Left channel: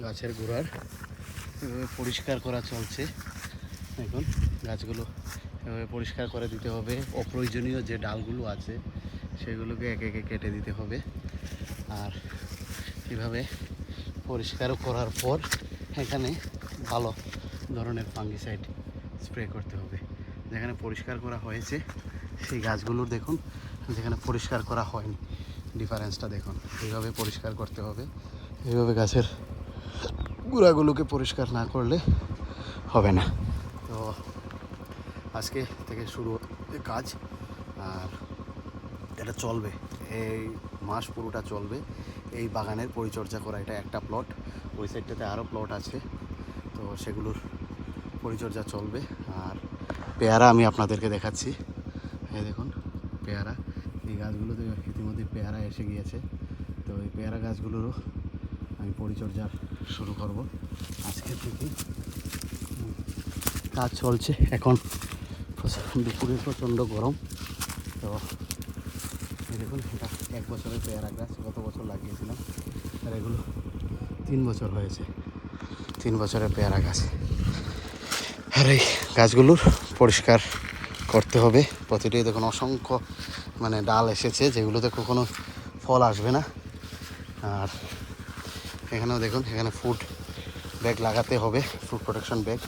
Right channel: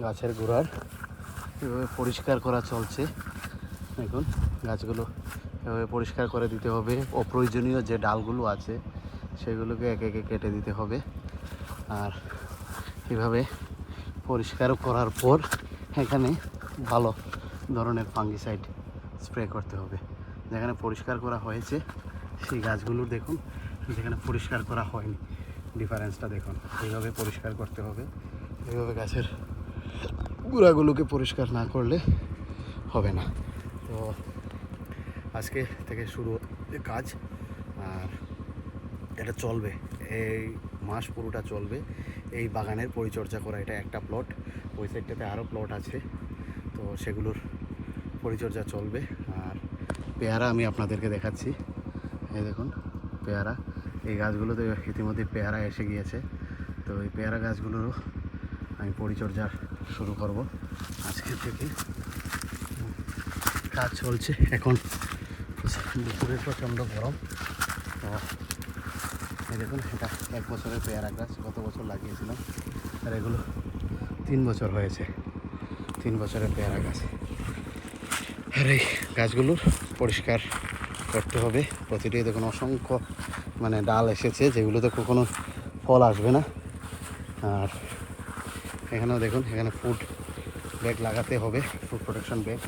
গাছের গোড়ার এভাবে পরিষ্কার করা চলছে। দেখুন গাছগুলো এভাবে পরিষ্কার করে দিতে হবে। অপ্রয়োজনীয় যে ডালগুলো আছে সেগুলোকে একে একে কেটে দিতে হবে। আর এভাবে পরিষ্কার করার পর এখানে ভালো ধরনের ফাঙ্গিসাইড স্প্রে করতে হবে। যেখানে পরিষ্কার করা হয়েছে সেই গাছগুলো দেখুন, যেখানে পরিষ্কার করা হয়নি ডিফারেন্সটা দেখুন। এইভাবে পরিষ্কার করতে হবে। এইভাবে গাছের গোড়াগুলোকে পরিষ্কার না করলে হবে না। তো আজকে থেকে শুরু কাজ, আর এটা চলবে, এই মাস পুরোটা চলবে এই বাগানের পরিচর্যা করা। এটা একটা প্লট, ওই সাইডটাতে আরও প্লট আছে, তো সেগুলোর পরিচর্যা চলবে। আর পেয়ারা আমি আপনাদেরকে দেখাচ্ছি। এই দেখুন পেয়ারা, এই গাছগুলোতে ইতিমধ্যে পেয়ারা এসে গিয়েছে। তো এই পেয়ারা গাছগুলোরও আমি পরিচর্যা শুরু করব আজকে থেকে। কাজ চলছে এখন, দুপুরে প্রচণ্ড গরম। এই দেখুন এটা 1 বছরের পেয়ারা গাছ, গত বছর লাগিয়েছিলাম, আর এগুলো 3 বছর হয়েছে, 3 বছরের পেয়ারা গাছ। আর এই গাছগুলোর পরিষ্কার করতে হবে প্রতিটি। দেখুন অসংখ্য ডাল এসেছে, যেগুলোতে কখনো ফল আসবে না। আর এখানেও দেখুন, এখানে ফুড ব্যাগ লাগাতে হবে, ফুড প্রোটেকশন ব্যাগ,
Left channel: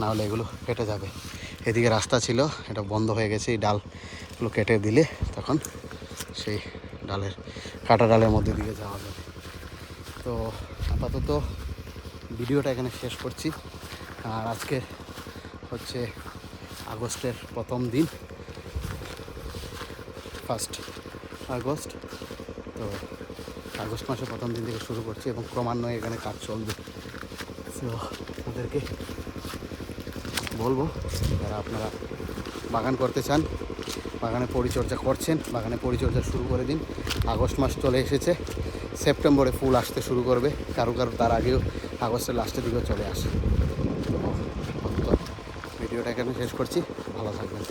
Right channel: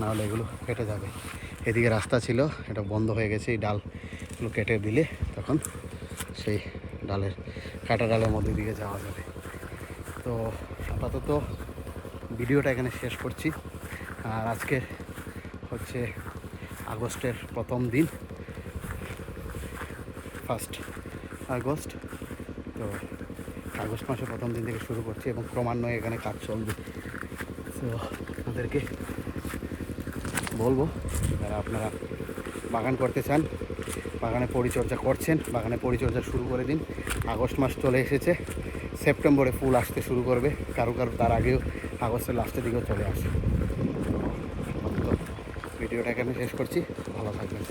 নাহলে এগুলো কেটে যাবে। এদিকে রাস্তা ছিল, এটা বন্ধ হয়ে গেছে। এই ডালগুলো কেটে দিলে তখন সেই কাটা ডালের মধ্যে দিয়ে যাওয়া যাবে। তো আপাতত ভিডিওটা এখানে শেষ করছি। আর আজকে হচ্ছে আগস্টের প্রথম দিন, 1 আগস্ট। তো আগস্ট মাসের প্রথম দিন থেকে শুরু করছি এবং ক্রমান্বয়ে এখানে কাজ চলবে। তো আপনাদেরকে বলবো, যারা আপনারা বাগান করতে চান, বাগানে পরিচর্যা করছেন, বাগানে পরিচর্যা শুরু করে দিন। আগস্ট মাস চলে এসেছে, সেপ্টেম্বরে ফুল আসতে শুরু করবে, কারো তার আগেও আগস্টের লাস্টের দিকেও চলে আসে। ভিডিওটা এখানে শেষ করছি, ভালো থাকবেন।